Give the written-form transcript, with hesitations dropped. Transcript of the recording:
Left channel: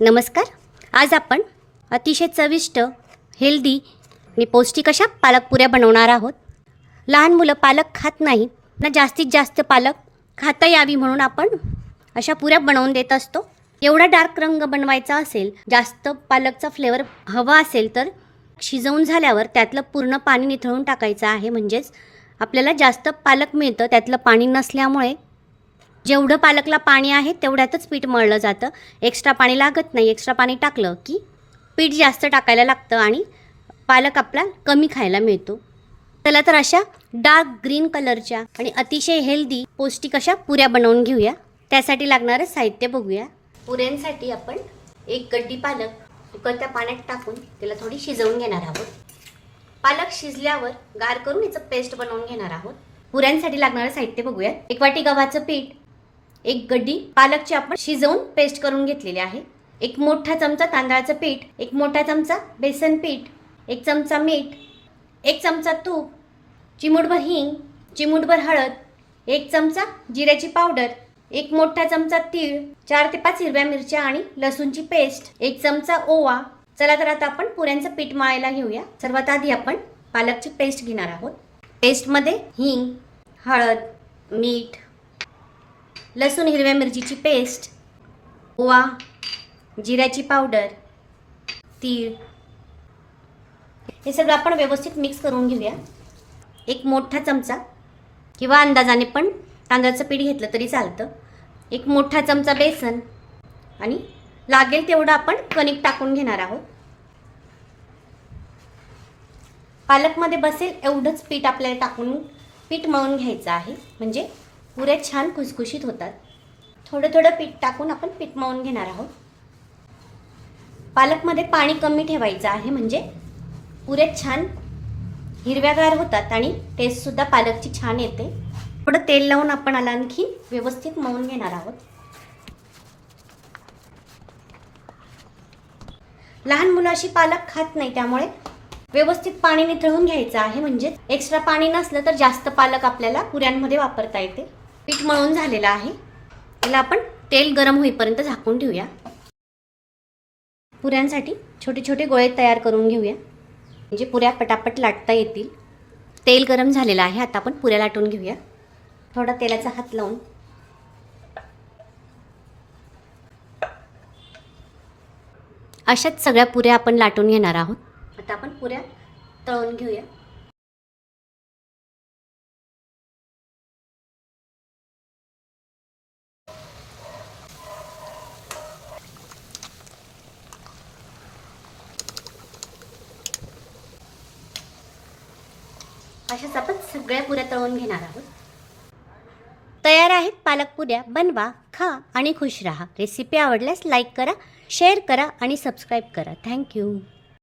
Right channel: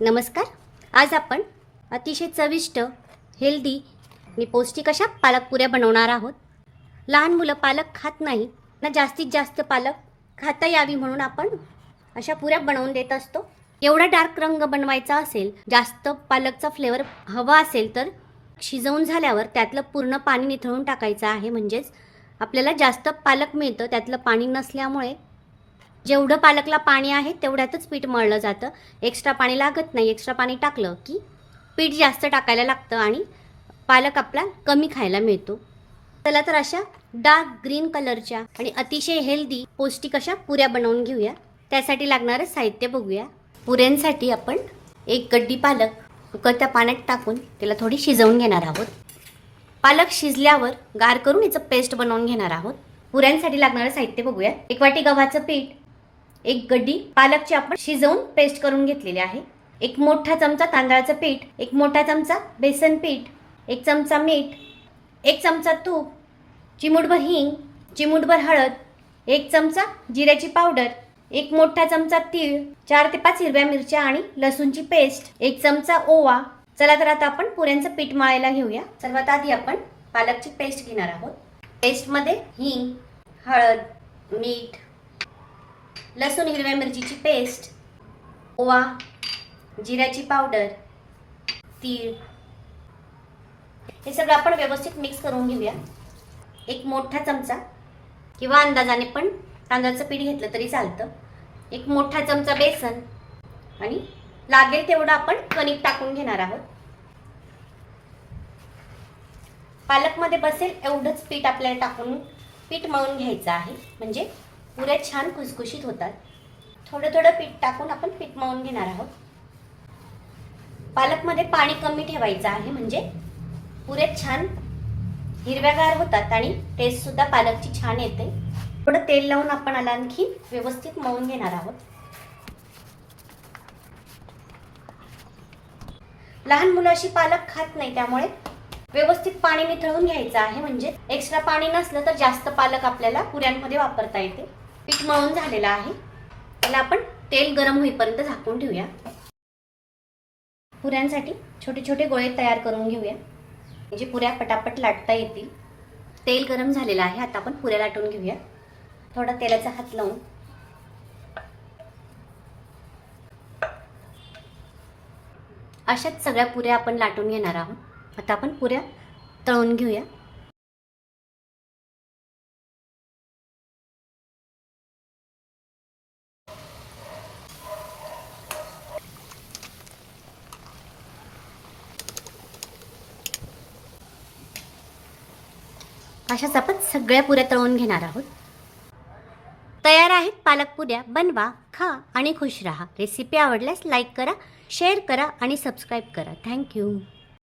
नमस्कार. आज आपण अतिशय चविष्ट, हेल्दी आणि पौष्टिक अशा पालक पुऱ्या बनवणार आहोत. लहान मुलं पालक खात नाही ना, जास्तीत जास्त पालक खाता यावी म्हणून आपण अशा पुऱ्या बनवून देत असतो. एवढा डार्क रंग बनवायचा असेल, जास्त पालकचा फ्लेवर हवा असेल तर शिजवून झाल्यावर त्यातलं पूर्ण पाणी निथळून टाकायचं आहे. म्हणजेच आपल्याला जास्त पालक मिळतं. त्यातलं पाणी नसल्यामुळे जेवढं पालकला पाणी आहे तेवढ्यातच पीठ मळलं जातं. एक्स्ट्रा पाणी लागत नाही. एक्स्ट्रा पाणी टाकलं की पीठ जास्त टाकायला लागतं आणि पालक आपला कमी खायला मिळतो. चला तर अशा डार्क ग्रीन कलरच्या आणि अतिशय हेल्दी पौष्टिक अशा पुऱ्या बनवून घेऊया. त्यासाठी लागणारं साहित्य बघूया. पुऱ्यांसाठी आपण एक गड्डी पालक उकळत्या पाण्यात टाकून त्याला थोडी शिजवून घेणार आहोत. पालक शिजल्यावर गार करून याचं पेस्ट बनवून घेणार आहोत. पुऱ्यांसाठी लागणारं साहित्य बघूया. 1 वाटी गव्हाचं पीठ, 1 गड्डी पालकची आपण शिजवून पेस्ट करून घेतलेली आहे, 1 मोठा चमचा तांदळाचं पीठ, 1 मोठा चमचा बेसन पीठ, 1 चमचा मीठ, 1 चमचा तूप, चिमूटभर हिंग, चिमूटभर हळद, 1 चमचा जिऱ्याची पावडर, 1 मोठा चमचा तीळ, 4 ते 5 हिरव्या मिरच्या आणि लसूणची पेस्ट, 1 चमचा ओवा. चला तर आता आपण पुऱ्यांचं पीठ मळायला घेऊया. सर्वात आधी आपण पालकची पेस्ट घेणार आहोत. पेस्टमध्ये हिंग, हळद, मीठ, लसूण हिरव्या मिरचीची पेस्ट, ओवा, जिऱ्याची पावडर, तीळ हे सगळं आपण व्यवस्थित मिक्स करून घेऊया. 1 मोठा चमचा किंवा अंदाजाने पण तांदळाचं पीठ घेतलं तरी चालतं. 1 मोठा चमचा बेसन आणि लागेल तेवढं आपण कणिक टाकून घेणार आहोत. पालकमध्ये बसेल एवढंच पीठ आपल्याला टाकून पीठ मळून घ्यायचं आहे. म्हणजे पुऱ्या छान खुसखुशीत होतात. थोडं थोडं पीठ टाकून आपण पीठ मळून घेणार आहोत. पालकमध्ये पाणी कमी ठेवायचं आहे. म्हणजे पुऱ्या छान हिरव्यागार होतात आणि टेस्ट सुद्धा पालकची छान येते. थोडं तेल लावून आपण आला आणखी व्यवस्थित मळून घेणार आहोत. लहान मुलं अशी पालक खात नाही, त्यामुळे व्यवस्थित पाणी निथळून घ्यायचं आहे. म्हणजे एक्स्ट्रा पाणी नसलं तर जास्त पालक आपल्याला पुऱ्यांमध्ये वापरता येते. पीठ मळून झालेलं आहे. त्याला आपण तेल गरम होईपर्यंत झाकून ठेवूया. पुऱ्यांसाठी छोटे छोटे गोळे तयार करून घेऊया, म्हणजे पुऱ्या पटापट लाटता येतील. तेल गरम झालेलं आहे. आता आपण पुऱ्या लाटून घेऊया. थोडा तेलाचा हात लावून अशाच सगळ्या पुऱ्या आपण लाटून घेणार आहोत. आता आपण पुऱ्या तळून घेऊया. अशाच आपण सगळ्या पुऱ्या तळून घेणार आहोत. तयार आहेत पालक पुऱ्या. बनवा, खा आणि खुश रहा. रेसिपी आवडल्यास लाईक करा, शेअर करा आणि सबस्क्राईब करा. थँक्यू.